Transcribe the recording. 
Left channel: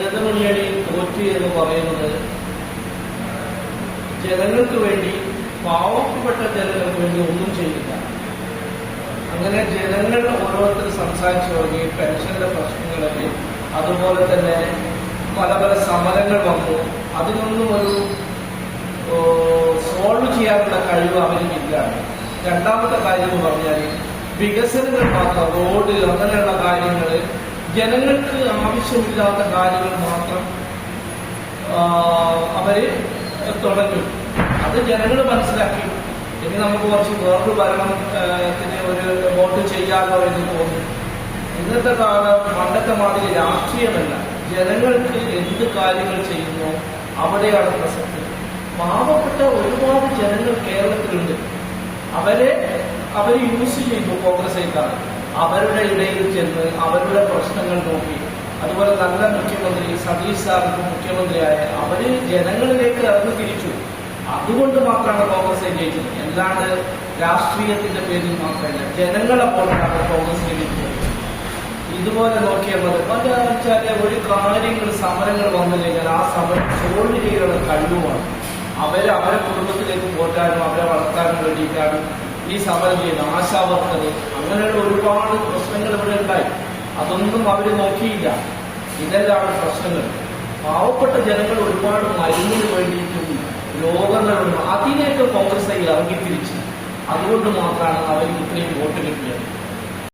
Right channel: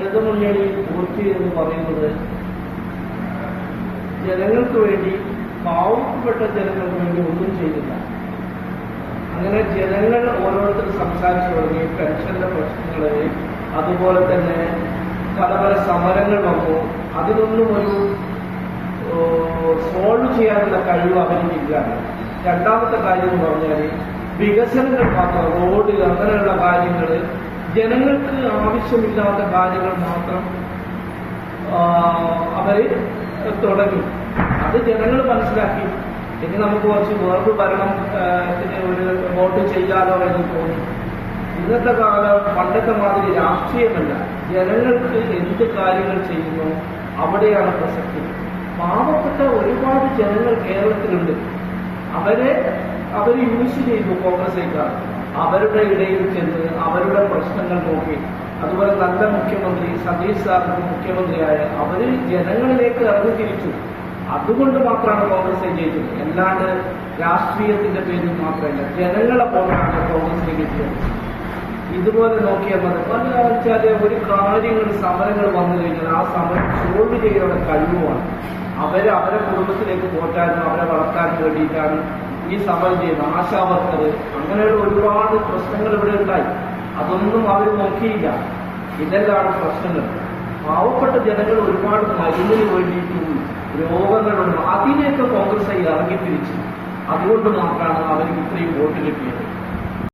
ഇടതുമുന്നണി തോറ്റു എന്ന് പറയുന്നത് ജനങ്ങൾക്ക് വേണ്ടി, പാവപ്പെട്ട ജനങ്ങൾക്ക് വേണ്ടി ഒന്നും ചെയ്യില്ല. അങ്ങനെ ജനങ്ങൾ ഓരോരുത്തർ സംസാരിച്ചു തുടങ്ങി. പെൻഷന്റെ പ്രശ്നങ്ങളെ, അതുപോലെ തന്നെ പല പല സമരങ്ങൾ വന്നു. അതിനൊന്നും ഒരു സോൾവ് ചെയ്യാനുള്ള കഴിവ് അവരില്ല. രണ്ടാമത്തെ കാര്യം എന്ന് പറഞ്ഞാൽ വികസനങ്ങൾ മാത്രം, റോഡ് അങ്ങനെയുള്ള കാര്യങ്ങൾ, ജനങ്ങൾക്ക് ആവശ്യമില്ലാത്ത കാര്യങ്ങൾ മാത്രം അവര് തുടങ്ങി. അത് ജനങ്ങൾ മനസ്സിലാക്കി. ഇനി നമുക്ക് കുറച്ച് വേറൊരു ഭരണത്തിന് ഒരു വോട്ട് ചെയ്യാനോ എന്ന് തോന്നി. ഇന്നത്തെ കാലം പണ്ടത്തെ മാതിരി രാഷ്ട്രീയമല്ല. ജനങ്ങൾക്ക് എന്ത് കാര്യങ്ങൾ ചെയ്യുന്നു അവിടെയാണ് പ്രസക്തി. പാവപ്പെട്ട ഒരുപാട് ജനങ്ങൾ കേരളത്തിലുണ്ട്. അവർ യൂസ് ചെയ്തു കോൺഗ്രസ്സുകാർ. അവരുടെ ഇടയിൽ ചെന്ന് അവരുടെ പ്രശ്നങ്ങൾ നോക്കി. അതുപോലെ നല്ല മുഖ്യമന്ത്രി സതീഷ് സാറിന് മുഖ്യമന്ത്രിയായ അവര് ജനങ്ങളിലേക്ക് ഇറങ്ങി തിരിച്ചു. അതുകൊണ്ട് മാത്രമാണ് കോൺഗ്രസ് ജയിച്ചത്. അല്ലാണ്ട് രാഷ്ട്രീയത്തിന്റെ പേരിൽ മാത്രമല്ല, ജനങ്ങളെ പോലെയാണ് കോൺഗ്രസ് ജയിച്ചത്. ഇതുപോലെ നോക്കിയാൽ മതി. പല വെച്ചാൽ ഒരു കാര്യങ്ങൾ സമരങ്ങൾ വന്നു കഴിഞ്ഞാൽ ആ സമരം സോൾവ് ചെയ്യാനുള്ള കഴിവുമാണ്. അവരെ കുടുംബത്തിലേക്ക് പോറ്റാനും അവരെ വളർത്താനും വേണ്ടിയിട്ടാണ് ഈ സമരം ചെയ്യുന്നത്. ആശാവർക്കർ, അങ്ങനെയുള്ള ഒരുപാട് പ്രശ്നങ്ങൾ ഇവിടെ ഉണ്ടായി. അതൊന്നും അവർ നോക്കിയില്ല. ഇതെല്ലാം പ്രശ്നങ്ങൾ. പാവപ്പെട്ട ജനങ്ങൾ ഒരുപാട് മരുന്നിന് വേണ്ടിയിട്ടും രോഗങ്ങളുണ്ട്. അതിനെയൊക്കെ കോൺഗ്രസ് ഇറങ്ങി തിരിച്ചു. അതുകൊണ്ട് മാത്രമാണ് അവർക്ക് ഇത്രയും വോട്ട് കിട്ടിയത്.